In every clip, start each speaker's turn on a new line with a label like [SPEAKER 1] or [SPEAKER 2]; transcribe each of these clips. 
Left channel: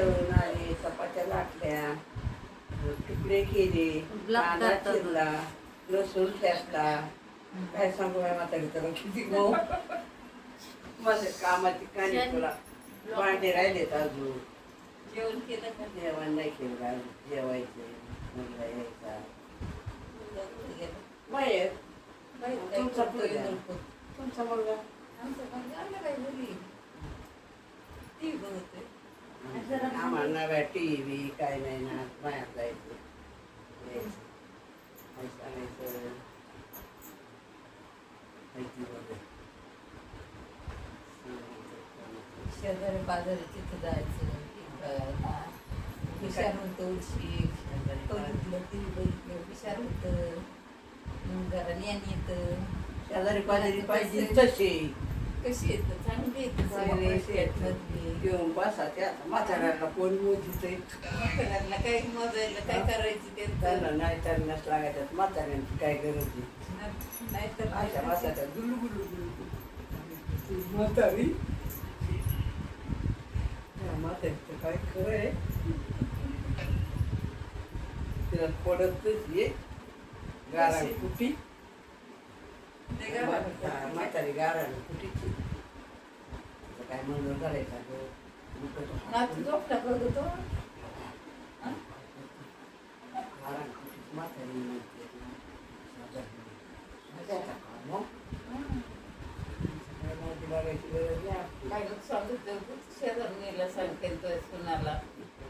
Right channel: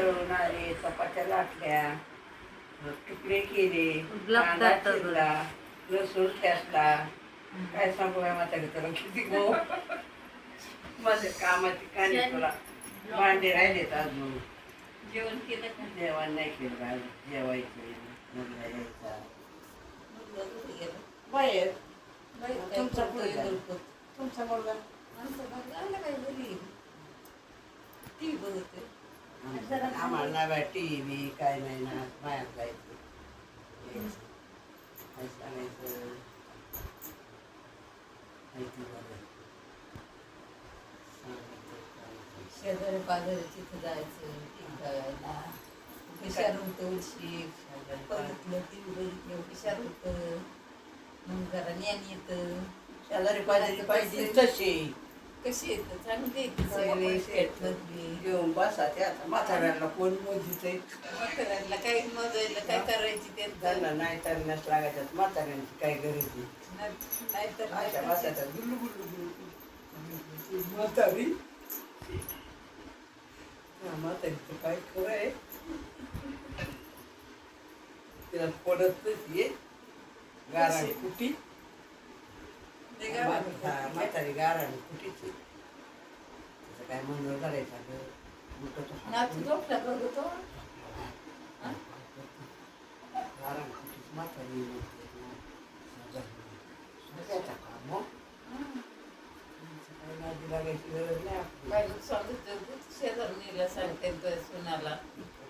[SPEAKER 1] दळून आले चपात्या लाटल्या तुकडे केले कांदा. चिरला लसूण ठेसला काय सांगू या म्हातारी तुला? किती गो. माझ्या कामाची कानी तुला. भांडे राहिलेत अजून.
[SPEAKER 2] जेवण केलं का?
[SPEAKER 1] जेवण नाही केलं बा, जेवायचे मुलगा यायचा? बाहेर. तुमचा मुलगा? तुमचा मुलगा.
[SPEAKER 2] आमचा मुलगा आला बाई घरी. ती बघतोय.
[SPEAKER 1] आम्हाला नाही बाय टी व्ही काय नाही ना बाहेर जायचं. काय सांगायचं.
[SPEAKER 2] शेजारी पाजारी तिथं जायचं. हुशार होतं उशी बघितलं ती बघितलं हुशार होतं मग जरा ज्ञान येतं
[SPEAKER 1] शेजारी पाजारी पाहिजे तसे
[SPEAKER 2] कशी येतं चांगली येते सगळे. शेतमधली
[SPEAKER 1] घेऊन बसा ते आता. म्हाताऱ्याला कोण मोजीच
[SPEAKER 2] म्हाताऱ्यांना काही मोजायला काय करायची ते?
[SPEAKER 1] त्यांना नाही त्यांनाच लागायच्यात म्हाताऱ्यांची काय गरज नाही
[SPEAKER 2] नाहीतर
[SPEAKER 1] अशा बसायच्या गुलू गुलू गुलू म्हातारी. म्हातारीचं काय खरं आहे? तिला पडतच ये गारा कुटी
[SPEAKER 2] ते काय म्हणतात?
[SPEAKER 1] हा, म्हातारी गारा कुटीची तिचं काय म्हणून करायचं अगं? उलटं तो
[SPEAKER 2] नातू झोपला
[SPEAKER 1] गारा म्हातारी काम, हो. काय लागायची गरज नाही आपली.
[SPEAKER 2] काय स्वागत शेजारणीला सांगते तो सुनाला.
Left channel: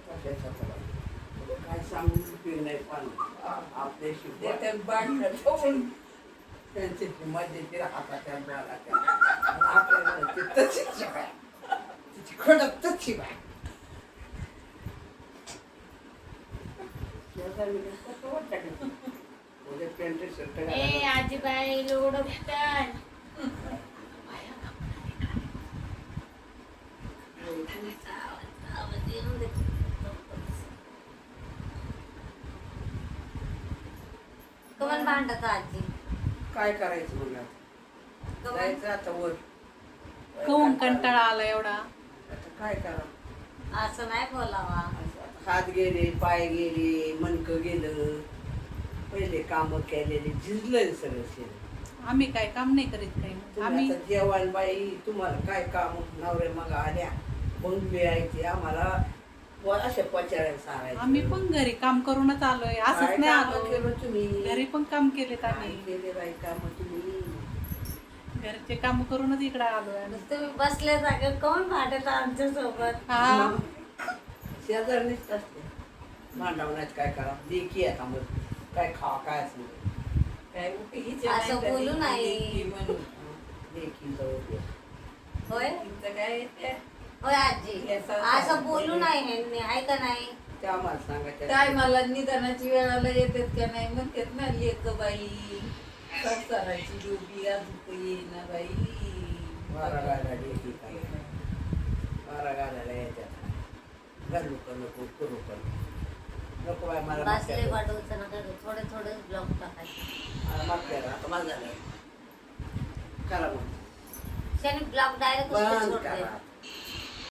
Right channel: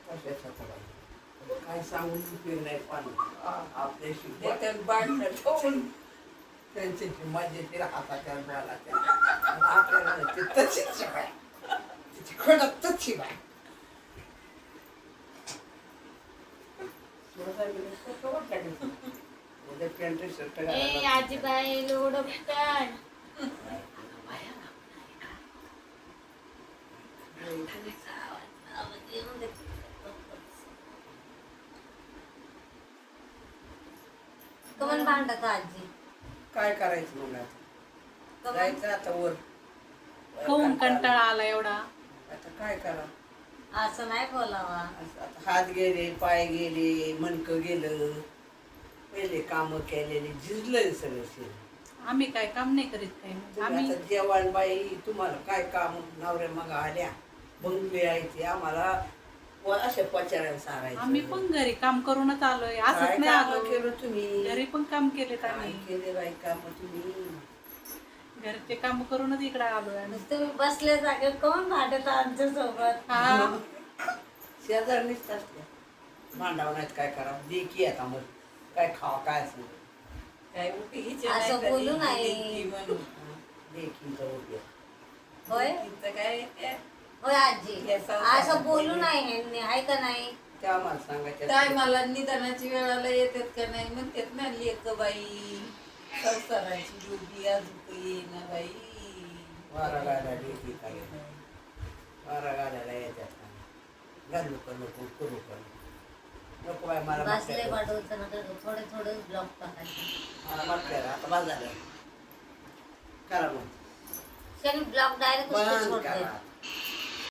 [SPEAKER 1] कशाचं काय? काय सांगून उपयोग नाही पण
[SPEAKER 2] बांधणं ठेवून.
[SPEAKER 1] त्यांची जी मजा येते हाताच्या बोलाच्या. आणि आपल्याला ते तशीच शिवाय. तिची खडक तशी बाय उद्या पॅन्ट शर्ट
[SPEAKER 3] ए
[SPEAKER 1] घालायला
[SPEAKER 3] आजीबाई लोड काय कमन भांडत आजी.
[SPEAKER 1] काय करायचं मग आता? जायचं आता वर.
[SPEAKER 4] कहून कंटाळा आला एवढा?
[SPEAKER 1] आता काय करा?
[SPEAKER 3] असं नाही बोलावा.
[SPEAKER 1] आता हात गेले पाय गेले मनकं गेलं. पहिले काम केलेले झिजलंय सगळं शरीर.
[SPEAKER 4] आम्ही काय काम नाही करीत काही.
[SPEAKER 1] तुम्ही
[SPEAKER 4] आम्ही
[SPEAKER 1] आता जेवण बाई तुम्हाला काय काम? नवरे मग आल्या. बंगले आहे ते आम्हाला सारायचं
[SPEAKER 4] आम्ही पण घरी काम करूनच आलोय. असंच नाही आलो.
[SPEAKER 1] केलं तुम्ही?
[SPEAKER 4] घरी पण काम केलेत आम्ही.
[SPEAKER 1] केले बाई काम तुम्ही?
[SPEAKER 4] घरचे काम करूनच इकडे आलोय आम्ही.
[SPEAKER 3] तुम्ही बसले जागे कोण भांडत आमच्यासोबत?
[SPEAKER 4] हा.
[SPEAKER 1] शेजारणीच असल्या मांडवण्यात काय करावं? लेकी आता मग काय खावा काय असं?
[SPEAKER 2] काय उपयोगीचे
[SPEAKER 3] असं
[SPEAKER 2] नाही तरी
[SPEAKER 3] बोलू नाही.
[SPEAKER 2] म्हणून.
[SPEAKER 1] उपयोग
[SPEAKER 3] होय?
[SPEAKER 2] लेकीचं काय
[SPEAKER 3] होय आजी. असं बोलू नाही ह्यांनी आहे का नाही?
[SPEAKER 1] ते आम्हाला सांगायचं
[SPEAKER 2] टायमाला निदानाची वेळाला येतात का नाही? म्हणतात ना लेक बाई संसाराची डोबी अजून येईना बाई.
[SPEAKER 1] वारा काय वारा गाड्याला येतात घालू का नको करू का नको. नको बाय मला
[SPEAKER 3] बसले
[SPEAKER 1] मागच्या-
[SPEAKER 3] पाठवचं नका थोडे थोडे ब्लॉक टाकायचे.
[SPEAKER 1] मला मागच्या आता माझं झालं. करा मग.
[SPEAKER 3] त्याने ब्लॉक डायरेक्ट
[SPEAKER 1] बंद
[SPEAKER 3] सोडते.
[SPEAKER 1] करा.